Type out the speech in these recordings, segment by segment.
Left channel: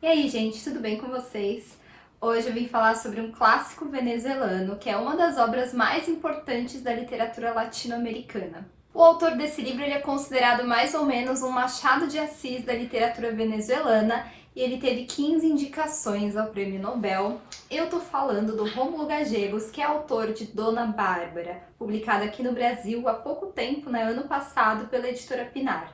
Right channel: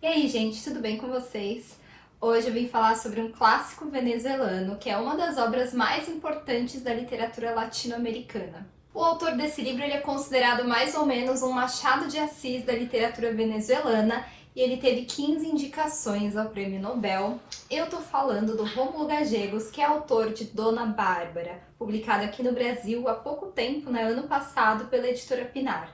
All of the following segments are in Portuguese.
E aí, gente, tudo bem com vocês? Hoje eu vim falar sobre um clássico venezuelano, que é uma das obras mais importantes da literatura latino-americana. O autor desse livro ele é considerado mais ou menos um Machado de Assis da literatura venezuelana e ele teve 15 indicações ao Prêmio Nobel. Eu tô falando do Rômulo Gallegos, que é autor de Dona Bárbara, publicado aqui no Brasil há pouco tempo, ano passado, pela editora Pinar.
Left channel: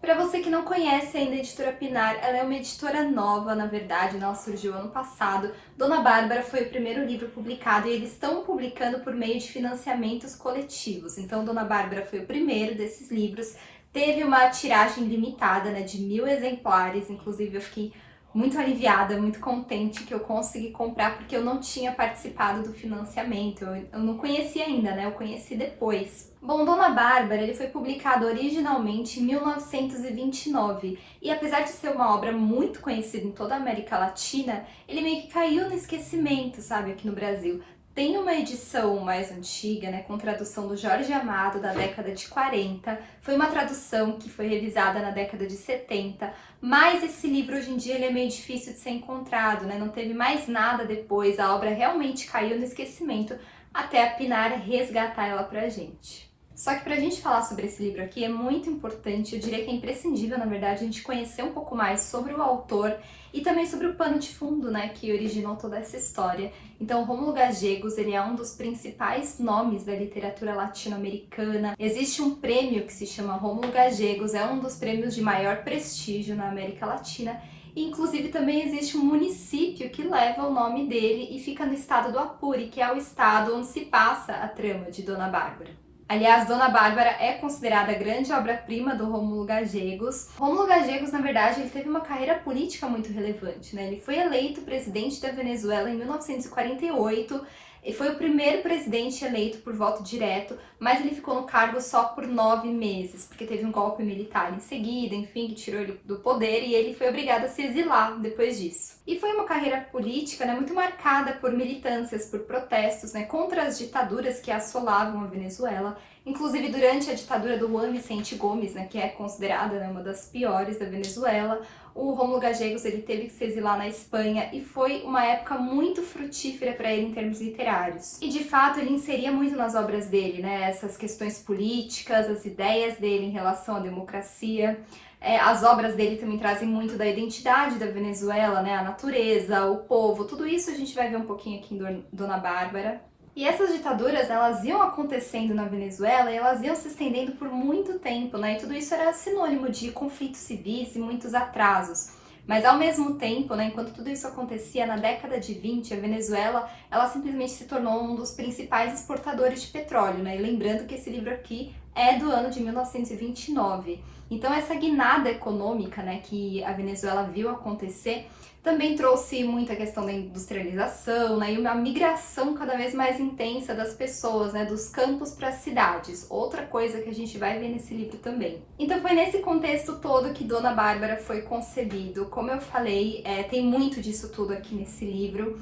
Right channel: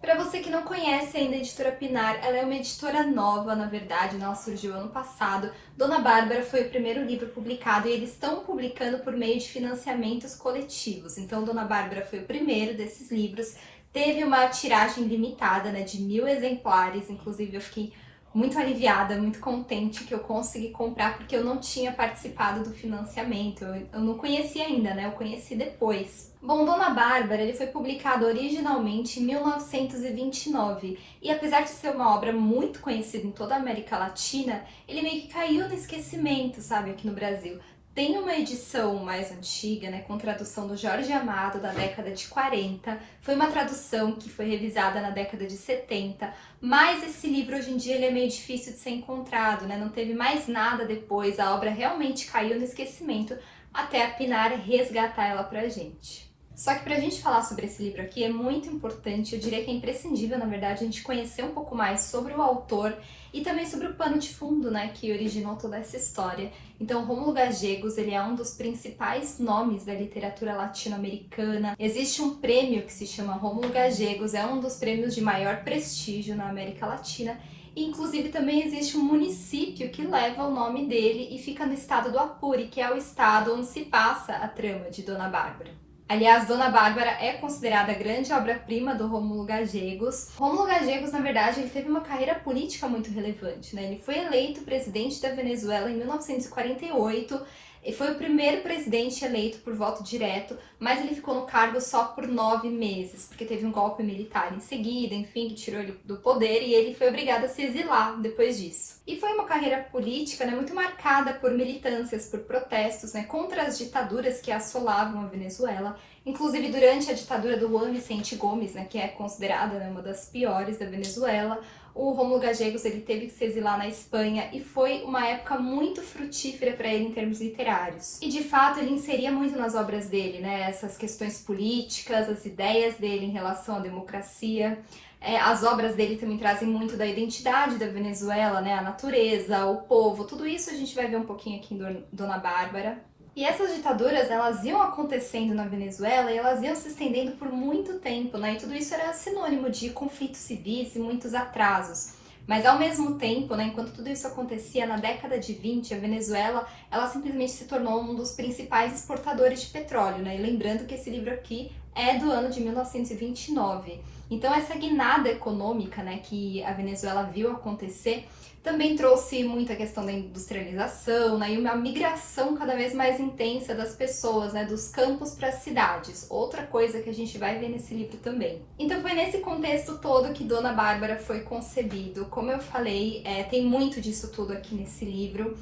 Para você que não conhece ainda a editora Pinar, ela é uma editora nova, na verdade, ela surgiu ano passado. Dona Bárbara foi o primeiro livro publicado e eles estão publicando por meio de financiamentos coletivos. Então, Dona Bárbara foi o primeiro desses livros. Teve uma tiragem limitada, de 1000 exemplares, inclusive eu fiquei muito aliviada, muito contente que eu consegui comprar, porque eu não tinha participado do financiamento, eu não conhecia ainda, eu conheci depois. Bom, Dona Bárbara, ele foi publicado originalmente em 1929, e apesar de ser uma obra muito conhecida em toda a América Latina, ele meio que caiu no esquecimento, sabe, aqui no Brasil. Tem uma edição mais antiga, com tradução do Jorge Amado, da década de 40. Foi uma tradução que foi revisada na década de 70, mas esse livro hoje em dia ele é meio difícil de ser encontrado, Não teve mais nada depois, a obra realmente caiu no esquecimento até a Pinar resgatar ela pra gente. Só que pra gente falar sobre esse livro aqui é muito importante, eu diria que é imprescindível, na verdade, a gente conhecer um pouco mais sobre o autor e também sobre o pano de fundo, que originou toda essa história. Então, Rômulo Gallegos, ele é um dos principais nomes da literatura latino-americana. Existe um prêmio que se chama Rômulo Gallegos, é um dos prêmios de maior prestígio na América Latina. E, inclusive, também existe um município que leva o nome dele e fica no estado do Apure, que é o estado onde se passa a trama de Dona Bárbara. Aliás, Dona Bárbara é considerada a grande obra-prima do Rômulo Gallegos. Rômulo Gallegos, na verdade, ele teve uma carreira política muito relevante, Ele foi eleito presidente da Venezuela em 1948 e foi o primeiro presidente eleito por voto direto, mas ele ficou no cargo só por 9 meses, porque teve um golpe militar em seguida, enfim, que tirou ele do poder e ele foi obrigado a se exilar depois disso. E foi uma carreira política, muito marcada por militâncias, por protestos, contra as ditaduras que assolavam a Venezuela, inclusive durante a ditadura do Juan Vicente Gomes, que é considerada uma das piores da Venezuela. O Rômulo Gallegos ele teve que se exilar na Espanha e foi uma época muito frutífera para ele em termos literários. E de fato ele inseria muito nas obras dele, essas questões políticas, as ideias dele em relação à democracia. As obras dele também trazem muito da identidade da Venezuela, a natureza, o povo, tudo isso a gente vai ver um pouquinho aqui em Dona Bárbara. E essas ditaduras, elas iam acontecendo na Venezuela e elas iam se estendendo por muito tempo, E tudo isso era sinônimo de conflitos civis e muitos atrasos. Mas ao mesmo tempo, enquanto tudo isso acontecia na década de 20, a Venezuela, ela simplesmente se tornou um dos principais exportadores de petróleo, E lembrando que esse livro aqui é do ano de 1929. Então essa guinada econômica, que a Venezuela viu acontecer, também trouxe muita questão da industrialização, e uma migração cada vez mais intensa das pessoas, dos campos para as cidades. Outra coisa que a gente vai ver nesse livro também. Então foi nesse contexto todo que Dona Bárbara foi concebido. Como eu falei, tem muito disso tudo aqui nesse livro,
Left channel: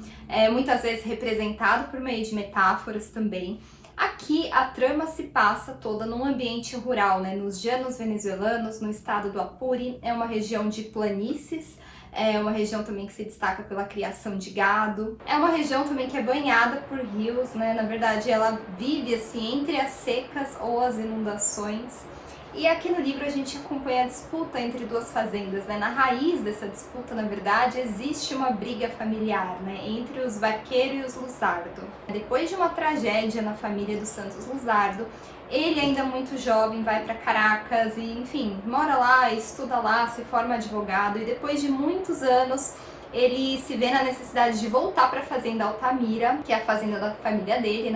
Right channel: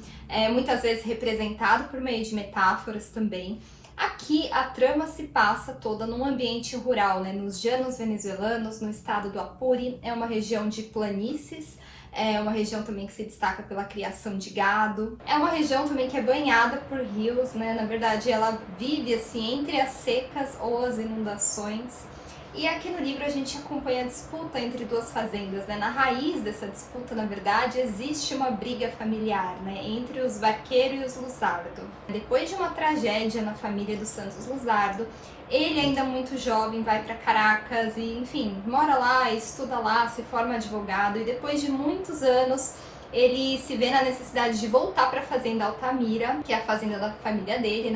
muitas vezes representado por meio de metáforas também. Aqui a trama se passa toda num ambiente rural, nos llanos venezuelanos, no estado do Apure, é uma região de planícies, é uma região também que se destaca pela criação de gado. É uma região também que é banhada por rios, Na verdade, ela vive assim entre as secas ou as inundações. E aqui no livro a gente acompanha a disputa entre duas fazendas, Na raiz dessa disputa, na verdade, existe uma briga familiar, Entre os Vaqueiro e os Luzardo. Depois de uma tragédia na família dos Santos Luzardo, ele ainda muito jovem vai para Caracas e, enfim, mora lá, estuda lá, se forma advogado e depois de muitos anos ele se vê na necessidade de voltar para a fazenda Altamira, que é a fazenda da família dele,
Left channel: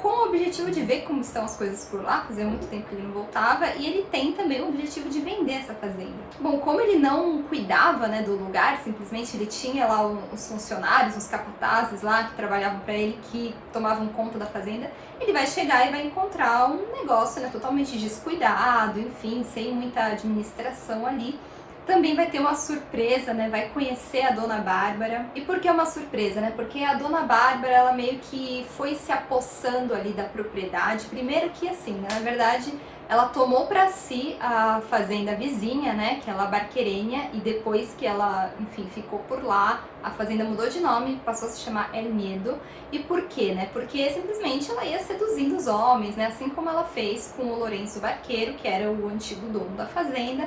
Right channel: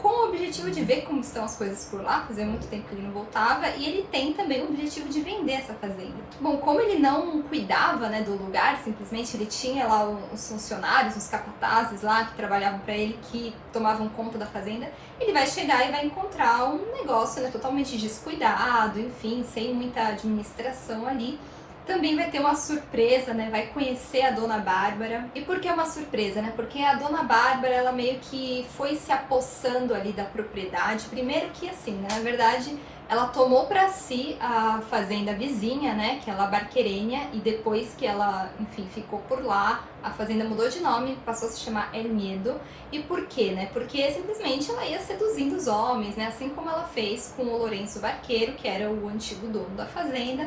com o objetivo de ver como estão as coisas por lá, fazia muito tempo que ele não voltava, e ele tem também o objetivo de vender essa fazenda. Bom, como ele não cuidava, do lugar, simplesmente ele tinha lá os funcionários, os capatazes lá que trabalhavam para ele, que tomavam conta da fazenda, ele vai chegar e vai encontrar um negócio totalmente descuidado, enfim, sem muita administração ali, Também vai ter uma surpresa, né? Vai conhecer a Dona Bárbara. E por que uma surpresa, né? Porque a Dona Bárbara, ela meio que foi se apossando ali da propriedade. Primeiro que assim, né? Na verdade, ela tomou para si a fazenda vizinha, né? Que é La Barquerenha. E depois que ela, enfim, ficou por lá, a fazenda mudou de nome, passou a se chamar El Miedo. E por quê, né? Porque simplesmente ela ia seduzindo os homens, né? Assim como ela fez com o Lourenço Barqueiro, que era o antigo dono da fazenda.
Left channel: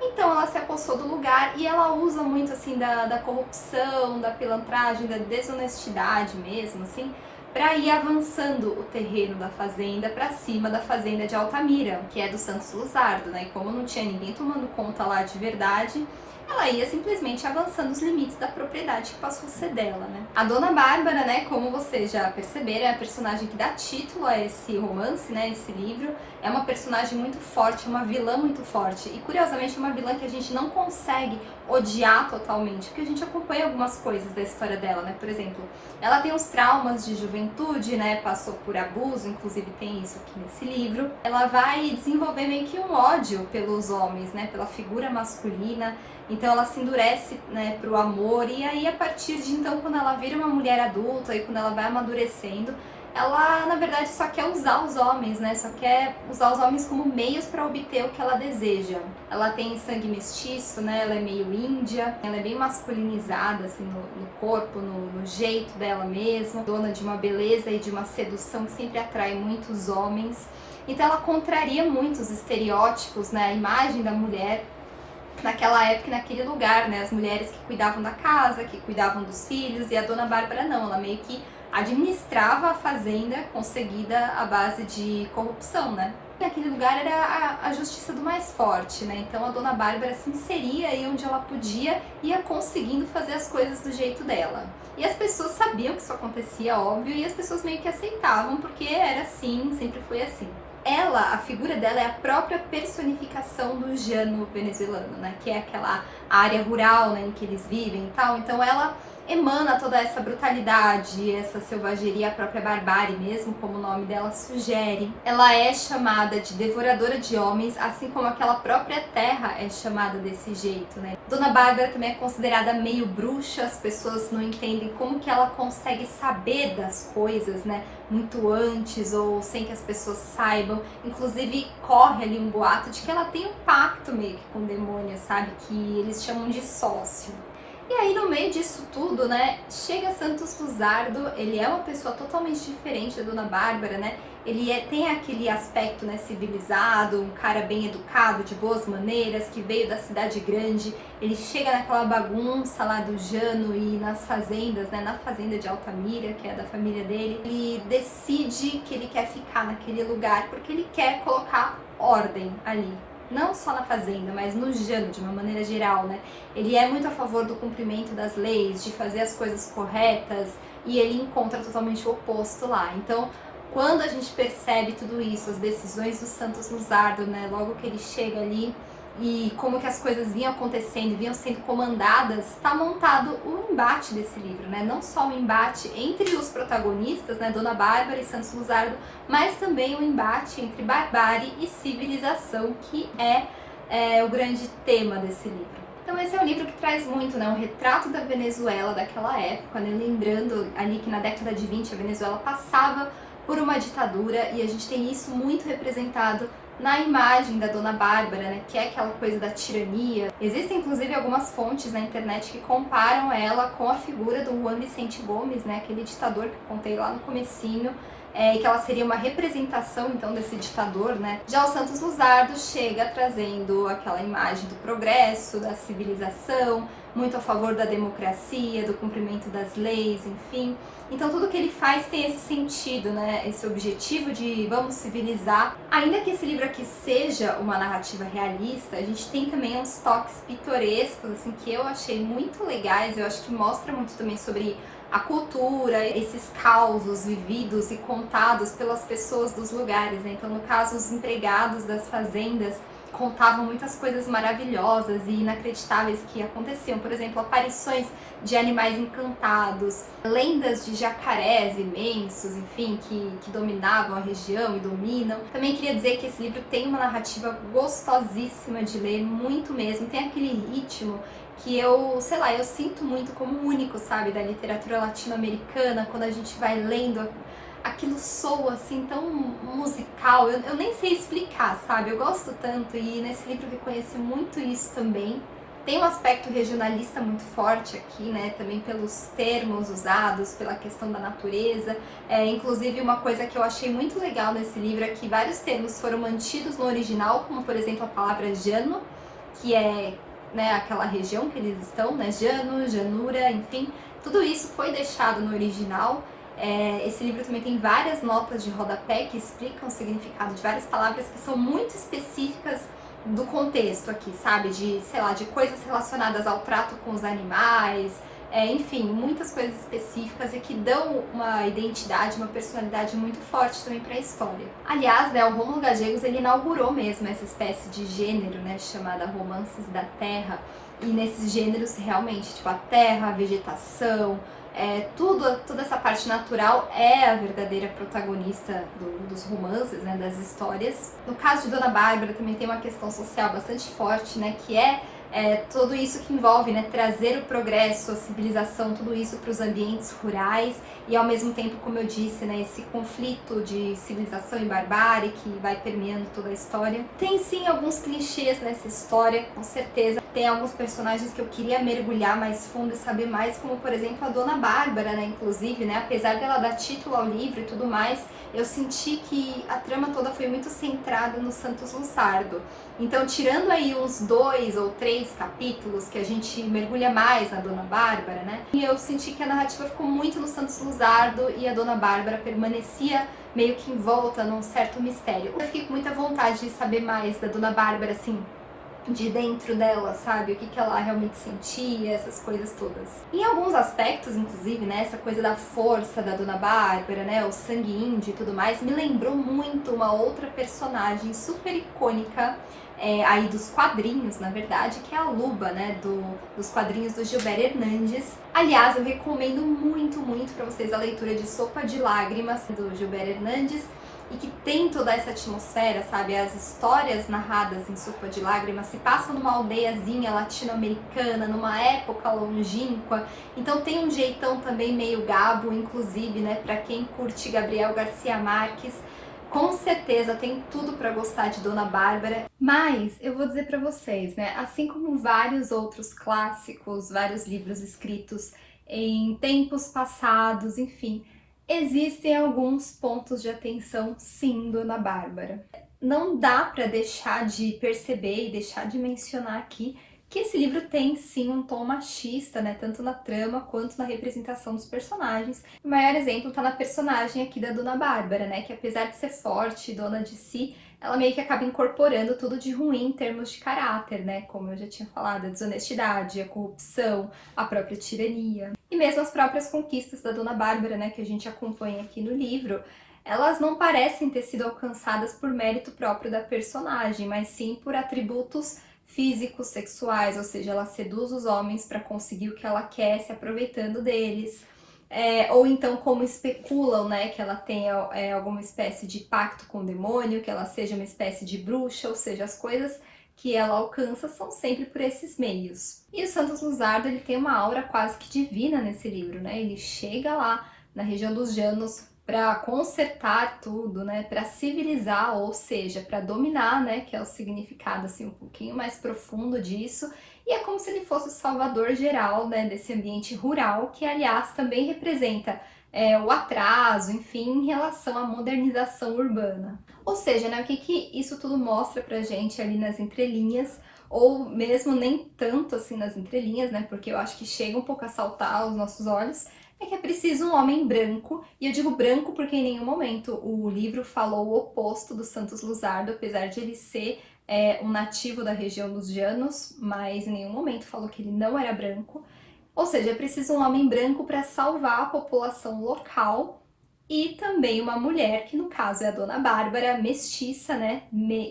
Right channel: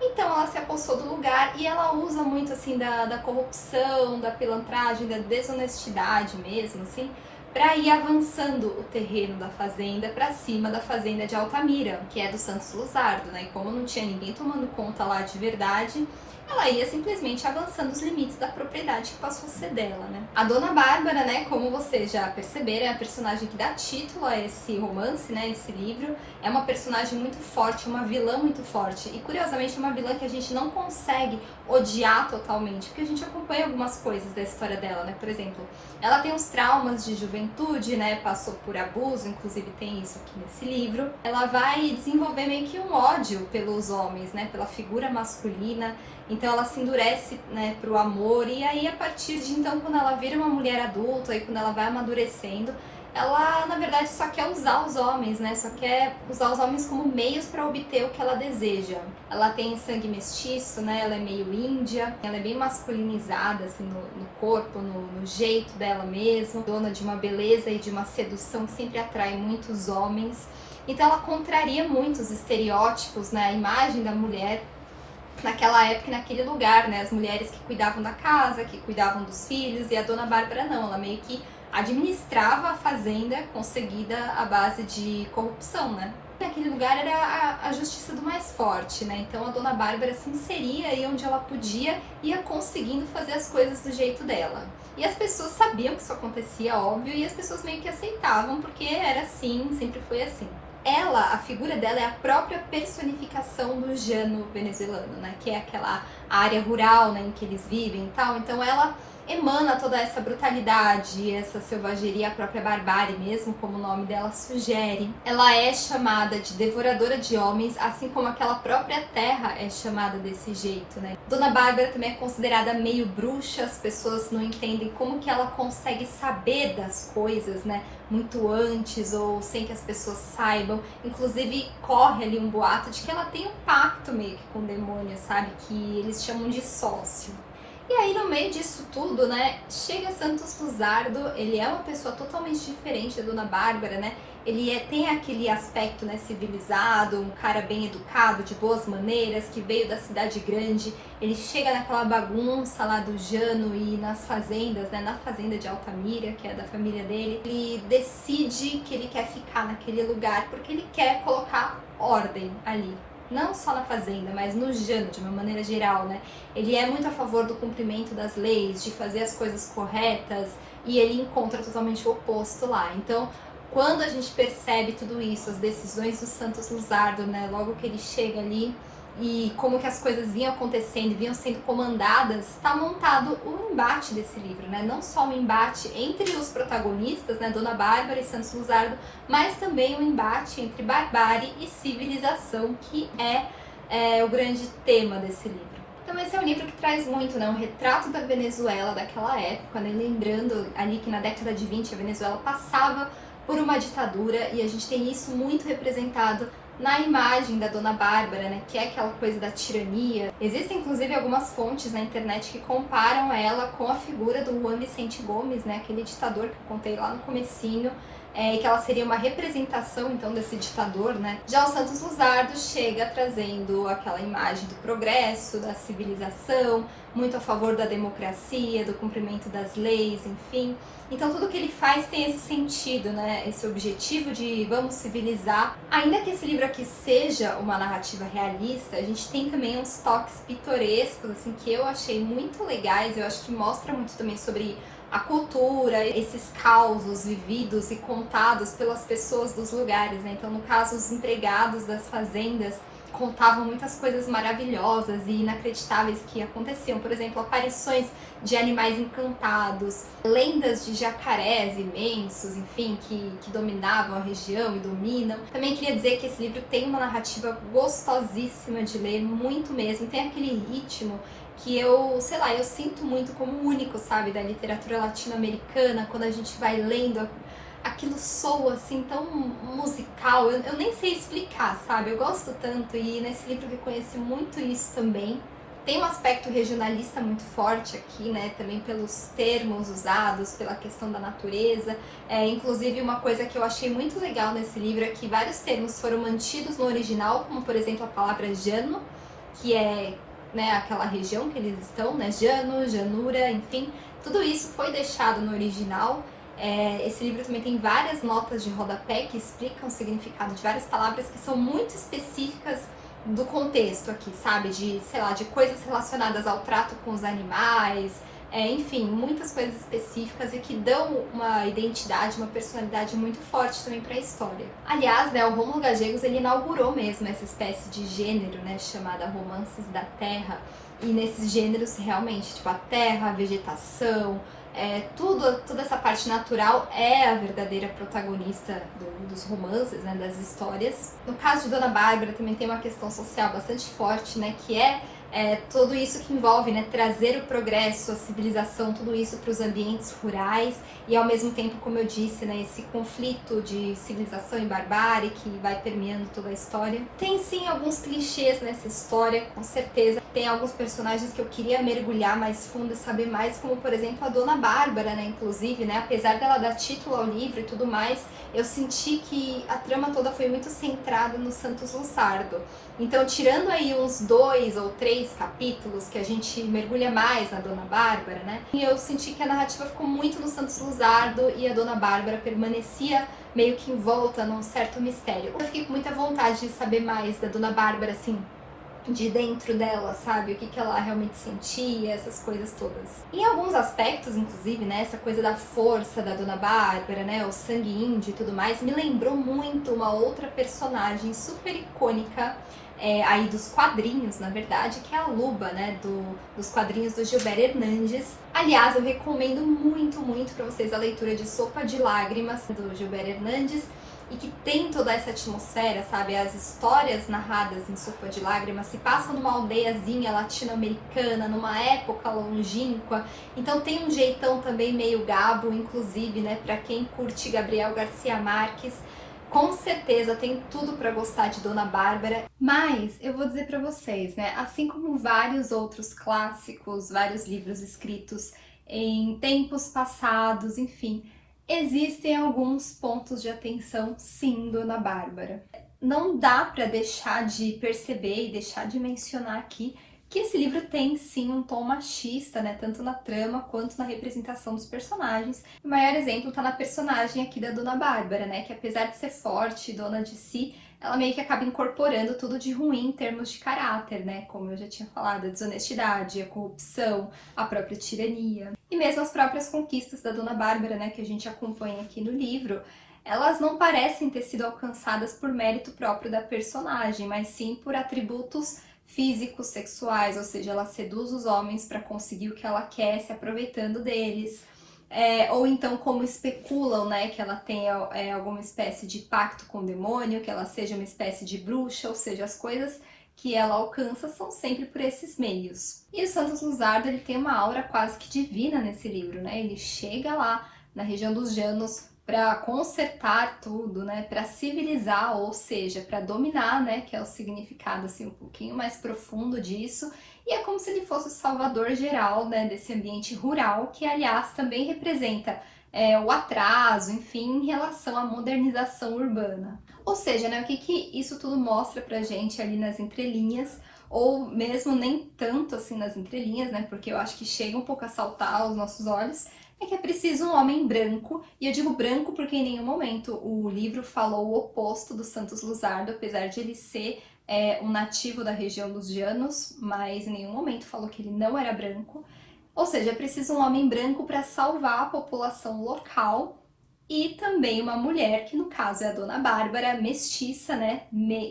Então ela se apossou do lugar e ela usa muito assim da corrupção, da pilantragem, da desonestidade mesmo, assim, para ir avançando o terreno da fazenda para cima da fazenda de Altamira, que é do Santos Luzardo, né? E como não tinha ninguém tomando conta lá de verdade, ela ia simplesmente avançando os limites da propriedade que passou a ser dela, né? A Dona Bárbara, né, como vocês já perceberam, é a personagem que dá título a esse romance, né, esse livro. É uma personagem muito forte, uma vilã muito forte. E curiosamente é uma vilã que a gente não consegue odiar totalmente, porque a gente acompanha algumas coisas da história dela, né? Por exemplo, ela tem os traumas de juventude, né? Passou por abuso, inclusive tem isso aqui nesse livro. Ela vai desenvolver meio que um ódio pelos homens, né? Pela figura masculina. Então ela se endurece, né, pro amor, e aí a partir de então, quando ela vira uma mulher adulta e quando ela vai amadurecendo, ela na verdade só quer usar os homens, né, só quer usar os homens como meios para obter o que ela deseja. Ela tem sangue mestiço, né, ela é meio índia, ela é bem masculinizada assim, no corpo, no jeito dela mesmo, dona de uma beleza e de uma sedução que sempre atrai muitos homens. Então ela contraria muito os estereótipos, né, a imagem da mulher naquela época, naquele lugar, né? As mulheres que cuidavam da casa, que cuidavam dos filhos, e a Dona Bárbara não, ela meio que administrava a fazenda conseguida à base de corrupção, né? Naquele lugar era a justiça do mais forte, né? Então a Dona Bárbara se inseria aí onde ela podia e ia conseguindo fazer as coisas do jeito dela. E as pessoas sabiam que isso acontecia, óbvio, e as pessoas meio que aceitavam, porque era assim, sempre foi assim. Ela, a figura dela é a própria personificação do llano venezuelano, né? Que é aquela área rural, né, em que eles vivem e tal. Então ela emana toda essa brutalidade, essa selvageria, a própria barbárie mesmo, como o nome dela sugere. Ela é chamada de devoradora de homens, assim como aquela própria terra é chamada desse jeito, né? Dona Bárbara também é considerada meio bruxa, as pessoas não entendem como que ela consegue saber das coisas, né? Muito antes ou sem que as pessoas saibam. Inclusive corre ali um boato de que ela tem um pacto meio que com o demônio, sabe? Que eles chamam de sócio. E aí no meio disso tudo, né, chega Santos Luzardo, ele é uma pessoa totalmente diferente da Dona Bárbara, né? Ele tem aquele aspecto, né, civilizado, um cara bem educado, de boas maneiras, que veio da cidade grande. Ele chega naquela bagunça lá do llano e nas fazendas, né, na fazenda de Altamira, que é da família dele. Ele decide que ele quer ficar naquele lugar porque ele quer colocar ordem ali. Não só na fazenda, mas no llano, de uma maneira geral, né? Ele é muito a favor do cumprimento das leis, de fazer as coisas corretas, e ele encontra totalmente o oposto lá. Então, quando a gente percebe tudo isso, as decisões do Santos Luzardo, né? Logo que ele chega ali, e como que as coisas vinham acontecendo, vinham sendo comandadas, está montado o embate desse livro, né? Não só o embate entre os protagonistas, né, Dona Bárbara e Santos Luzardo, mas também o embate entre barbárie e civilização, que é o grande tema desse livro. Então esse é um livro que traz muito, né, um retrato da Venezuela daquela época, né, lembrando ali que na década de 20 a Venezuela passava por uma ditadura, e a gente tem isso muito representado na imagem da Dona Bárbara, né, que é aquela coisa da tirania. Existem inclusive algumas fontes na internet que comparam ela com a figura do Juan Vicente Gomes, né, aquele ditador que eu contei lá no comecinho, e que ela seria uma representação então desse ditador, né? Já o Santos Luzardo chega trazendo aquela imagem do progresso, da civilização, muito a favor da democracia, do cumprimento das leis, enfim. Então tudo que ele faz tem esse sentido, né? Esse objetivo de vamos civilizar. Ainda que esse livro aqui seja uma narrativa realista, a gente tem também uns toques pitorescos, assim, que eu achei muito legais. Eu acho que mostra muito também sobre a cultura, esses causos vividos e contados pelas pessoas dos lugares, né? Então, no caso, os empregados das fazendas, contavam muitas coisas maravilhosas e inacreditáveis que aconteciam. Por exemplo, aparições de animais encantados, lendas de jacarés imensos, enfim, que dominavam a região e dominam. Também queria dizer que esse livro tem uma narrativa gostosíssima de ler, muito mesmo. Tem aquele ritmo que eu, sei lá, eu sinto muito como único, sabe, da literatura latino-americana, quando a gente vai lendo, aquilo soa assim tão musical, eu nem sei explicar, sabe? Eu gosto tanto e nesse livro eu reconheço muito isso também. Tem um aspecto regionalista muito forte aqui, né? Também pelos termos usados, pela questão da natureza. Inclusive, uma coisa que eu achei muito legal nesse livro é que vários termos foram mantidos no original, como por exemplo a palavra llano, que é, né, aquela região que eles estão, né? Llano, llanura, enfim. Tudo isso foi deixado no original. Esse livro também tem várias notas de rodapé que explicam o significado de várias palavras que são muito específicas do contexto aqui, sabe? De, sei lá, de coisas relacionadas ao trato com os animais, enfim, muitas coisas específicas e que dão uma identidade, uma personalidade muito forte também para a história. Aliás, né, o Rômulo Gallegos, ele inaugurou mesmo essa espécie de gênero, né, chamada Romances da Terra, e nesses gêneros realmente, tipo, a terra, a vegetação, toda essa parte natural é a verdadeira protagonista dos romances, né, das histórias. No caso de Dona Bárbara também tem uma questão social bastante forte, né, que é tudo isso que envolve, né, trazer o progresso, a civilização, tudo isso para os ambientes rurais e ao mesmo tempo, como eu disse, né, esse conflito de civilização e barbárie que vai permeando toda a história. Tem sim alguns clichês nessa história, com certeza. Tem alguns personagens que eu queria mergulhar mais fundo e saber mais, como por exemplo a Dona Bárbara, né, inclusive, né, apesar dela dar título ao livro e tudo mais, eu senti que a trama toda foi muito centrada no Santos Luzardo. Então, tirando aí uns 2 ou 3 capítulos que a gente mergulha mais na Dona Bárbara, né? E eu senti que a narrativa ficou muito no Santos Luzardo e a Dona Bárbara permanecia meio que envolta num certo mistério. Eu fiquei com muita vontade de saber mais da Dona Bárbara, assim, de dentro dela, sabe? O que ela realmente sentia, essas coisas todas. Em alguns aspectos, inclusive, né? Essa coisa da força da Dona Bárbara, né? O sangue índio e tudo mais, me lembrou muito uma outra personagem super icônica, aí dos quadrinhos, na verdade, que é a Luba, né, dos quadrinhos do Gilbert Hernandes. Aliás, eu recomendo muito, muito para vocês a leitura de Sopa de Lágrimas, do Gilbert Hernandes, e que tem toda essa atmosfera, sabe? As histórias narradas em Sopa de Lágrimas se passam numa aldeiazinha latino-americana, numa época longínqua, então tem um jeitão também meio Gabo, inclusive, né, para quem curte Gabriel Garcia Marques, com certeza tem tudo para gostar de Dona Bárbara. Mas eu vou dizer para vocês, né, assim como vários outros clássicos, vários livros escritos em tempos passados, enfim, existem alguns pontos de atenção, sim, Dona Bárbara. Não dá para deixar de perceber e deixar de mencionar aqui que esse livro tem sim um tom machista, né, tanto na trama quanto na representação dos personagens. O maior exemplo está na personagem aqui da Dona Bárbara, né, que apesar de ser forte e dona de si, ela meio que acaba incorporando tudo de ruim em termos de caráter, né, como eu já tinha falado, a desonestidade, a corrupção, a própria tirania. E mesmo as próprias conquistas da Dona Bárbara, né, que a gente acompanha aqui no livro, elas não parecem ter sido alcançadas por mérito próprio da personagem, mas sim por atributos físicos, sexuais, ou seja, ela seduz os homens para conseguir o que ela quer, se aproveitando deles. Ou então como especulam, né, que ela tenha alguma espécie de pacto com o demônio, que ela seja uma espécie de bruxa, ou seja, as coisas que ela alcança são sempre por esses meios. E o Santos Luzardo, ele tem uma aura quase que divina nesse livro, né? Ele chega lá na região dos Llanos para consertar tudo, né, para civilizar, ou seja, para dominar, né, que é o significado assim um pouquinho mais profundo disso. E é como se ele fosse o salvador geral, né, desse ambiente rural, que aliás também representa o atraso, enfim, em relação à modernização urbana. Ou seja, né, o que isso tudo mostra pra gente ali nas entrelinhas, ou mesmo nem tanto assim nas entrelinhas, né, porque eu acho que chega um pouco a saltar aos nossos olhos, é que é preciso um homem branco, e eu digo branco porque em nenhum momento o livro falou o oposto do Santos Luzardo, apesar de ele ser um nativo da região dos Llanos, mas em nenhum momento falou que ele não era branco. Ou seja, é preciso um homem branco para salvar a população local e também uma mulher, que no caso é a Dona Bárbara, mestiça, né,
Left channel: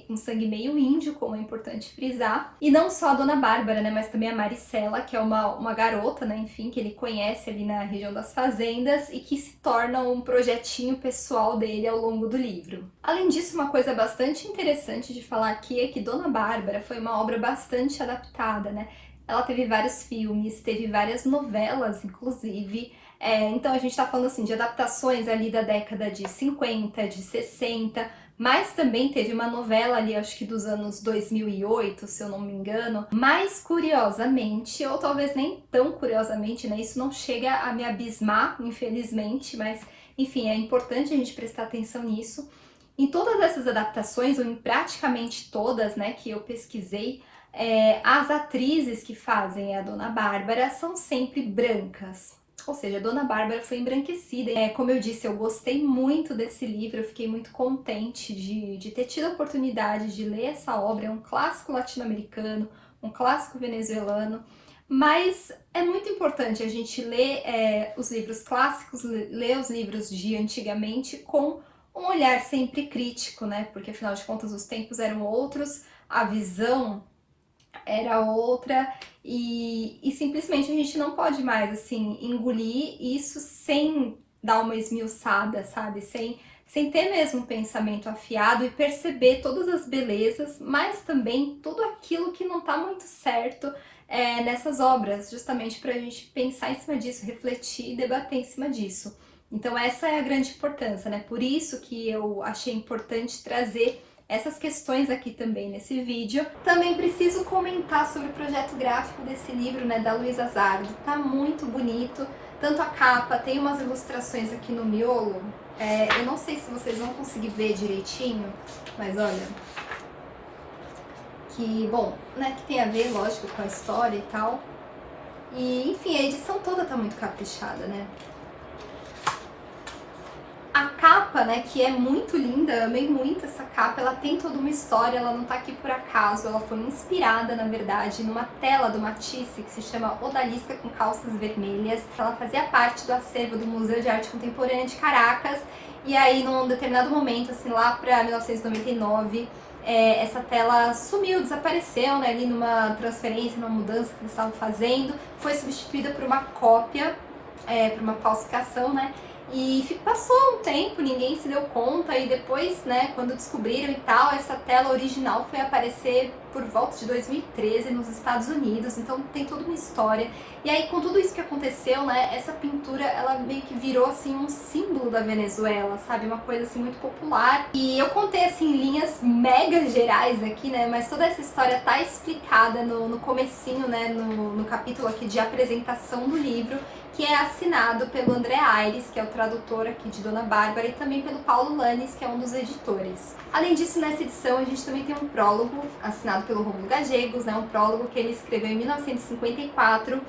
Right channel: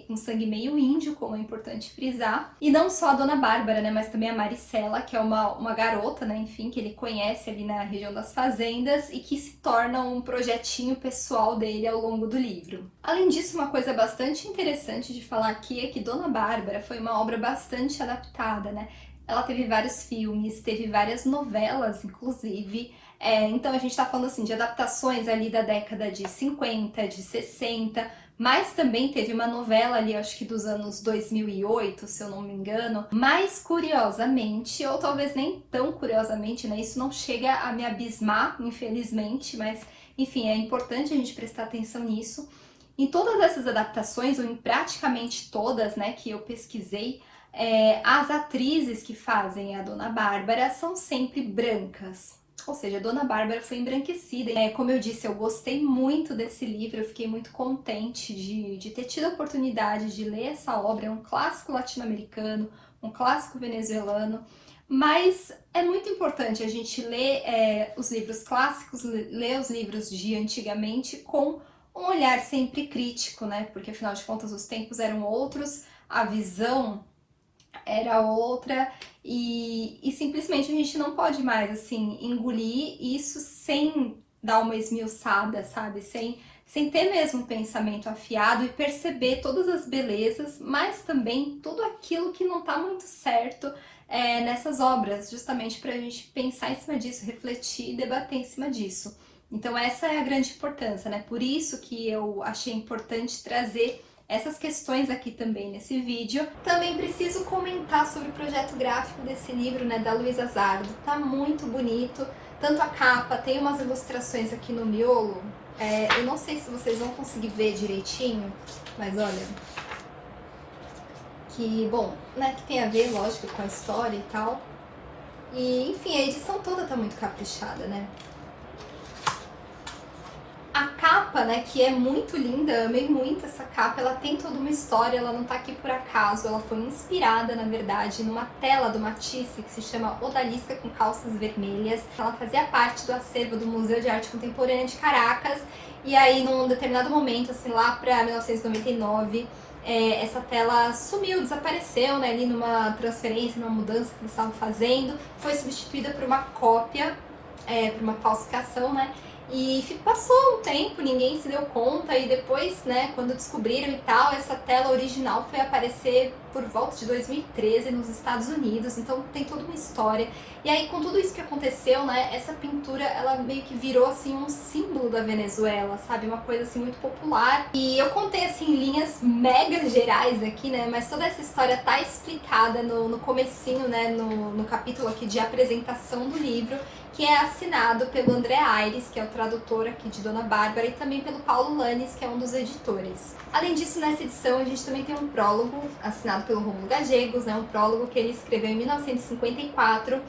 um sangue meio índio, como é importante frisar. E não só a Dona Bárbara, né, mas também a Maricela, que é uma garota, né, enfim, que ele conhece ali na região das fazendas e que se torna um projetinho pessoal dele ao longo do livro. Além disso, uma coisa bastante interessante de falar aqui é que Dona Bárbara foi uma obra bastante adaptada, né? Ela teve vários filmes, teve várias novelas, inclusive. Então a gente está falando assim de adaptações ali da década de 50, de 60, mas também teve uma novela ali, acho que dos anos 2008, se eu não me engano. Mas curiosamente, ou talvez nem tão curiosamente, né? Isso não chega a me abismar, infelizmente, mas enfim, é importante a gente prestar atenção nisso. Em todas essas adaptações, ou em praticamente todas, né, que eu pesquisei, as atrizes que fazem a Dona Bárbara são sempre brancas. Ou seja, a Dona Bárbara foi embranquecida. Como eu disse, eu gostei muito desse livro, eu fiquei muito contente de ter tido a oportunidade de ler essa obra. É um clássico latino-americano, um clássico venezuelano, mas é muito importante a gente ler os livros clássicos, ler os livros de antigamente com um olhar sempre crítico, né? Porque afinal de contas os tempos eram outros, a visão era outra e simplesmente a gente não pode mais assim engolir isso sem dar uma esmiuçada, sabe? Sem ter mesmo um pensamento afiado e perceber todas as belezas, mas também tudo aquilo que não tá muito certo nessas obras, justamente para a gente pensar em cima disso, refletir e debater em cima disso. Então essa é a grande importância, né? Por isso que eu achei importante trazer essas questões aqui também nesse vídeo. Também preciso comentar sobre o projeto gráfico desse livro, né, da Luísa Zardo. Tá muito bonito, tanto a capa, tem umas ilustrações aqui no miolo. Eu não sei se vocês vão conseguir ver direitinho, mas olha, que bom, né, que tem a ver, lógico, com a história e tal. E, enfim, a edição toda tá muito caprichada, né? A capa, né, que é muito linda, amei muito essa capa, ela tem toda uma história, ela não tá aqui por acaso, ela foi inspirada, na verdade, numa tela do Matisse que se chama Odalisca com Calças Vermelhas. Ela fazia parte do acervo do Museu de Arte Contemporânea de Caracas, e aí num determinado momento, assim, lá pra 1999, essa tela sumiu, desapareceu, né, ali numa transferência, numa mudança que eles estavam fazendo, foi substituída por uma cópia, por uma falsificação, né, e passou um tempo, ninguém se deu conta, e depois, né, quando descobriram e tal, essa tela original foi aparecer por volta de 2013 nos Estados Unidos, então tem toda uma história. E aí, com tudo isso que aconteceu, né, essa pintura, ela meio que virou, assim, um símbolo da Venezuela, sabe, uma coisa, assim, muito popular. E eu contei, assim, em linhas mega gerais aqui, né, mas toda essa história tá explicada no comecinho, né, no capítulo aqui de apresentação do livro, que é assinado pelo André Aires, que é o tradutor aqui de Dona Bárbara, e também pelo Paulo Lanes, que é um dos editores. Além disso, nessa edição a gente também tem um prólogo assinado pelo Rômulo Gallegos, né, um prólogo que ele escreveu em 1954,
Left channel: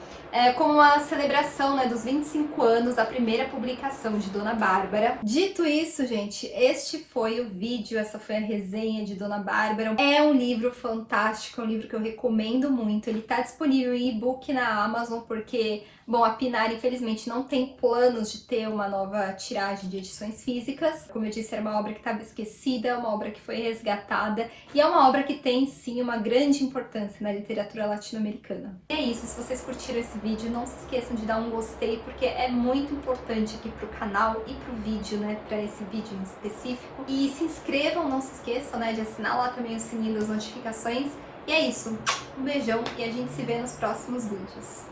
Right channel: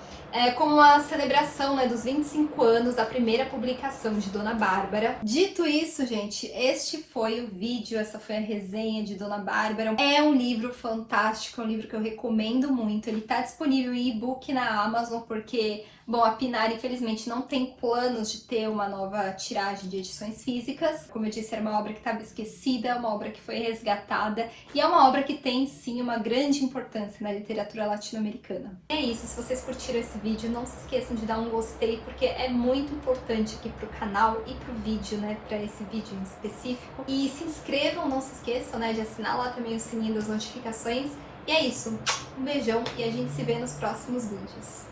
como uma celebração, né, dos 25 anos da primeira publicação de Dona Bárbara. Dito isso, gente, este foi o vídeo, essa foi a resenha de Dona Bárbara. É um livro fantástico, é um livro que eu recomendo muito. Ele está disponível em e-book na Amazon, porque, bom, a Pinar infelizmente não tem planos de ter uma nova tiragem de edições físicas. Como eu disse, era uma obra que estava esquecida, uma obra que foi resgatada, e é uma obra que tem, sim, uma grande importância na literatura latino-americana. É isso, se vocês curtiram esse vídeo, não se esqueçam de dar um gostei, porque é muito importante aqui pro canal e pro vídeo, né, pra esse vídeo em específico. E se inscrevam, não se esqueçam, né, de assinar lá também o sininho das notificações. E é isso, um beijão e a gente se vê nos próximos vídeos.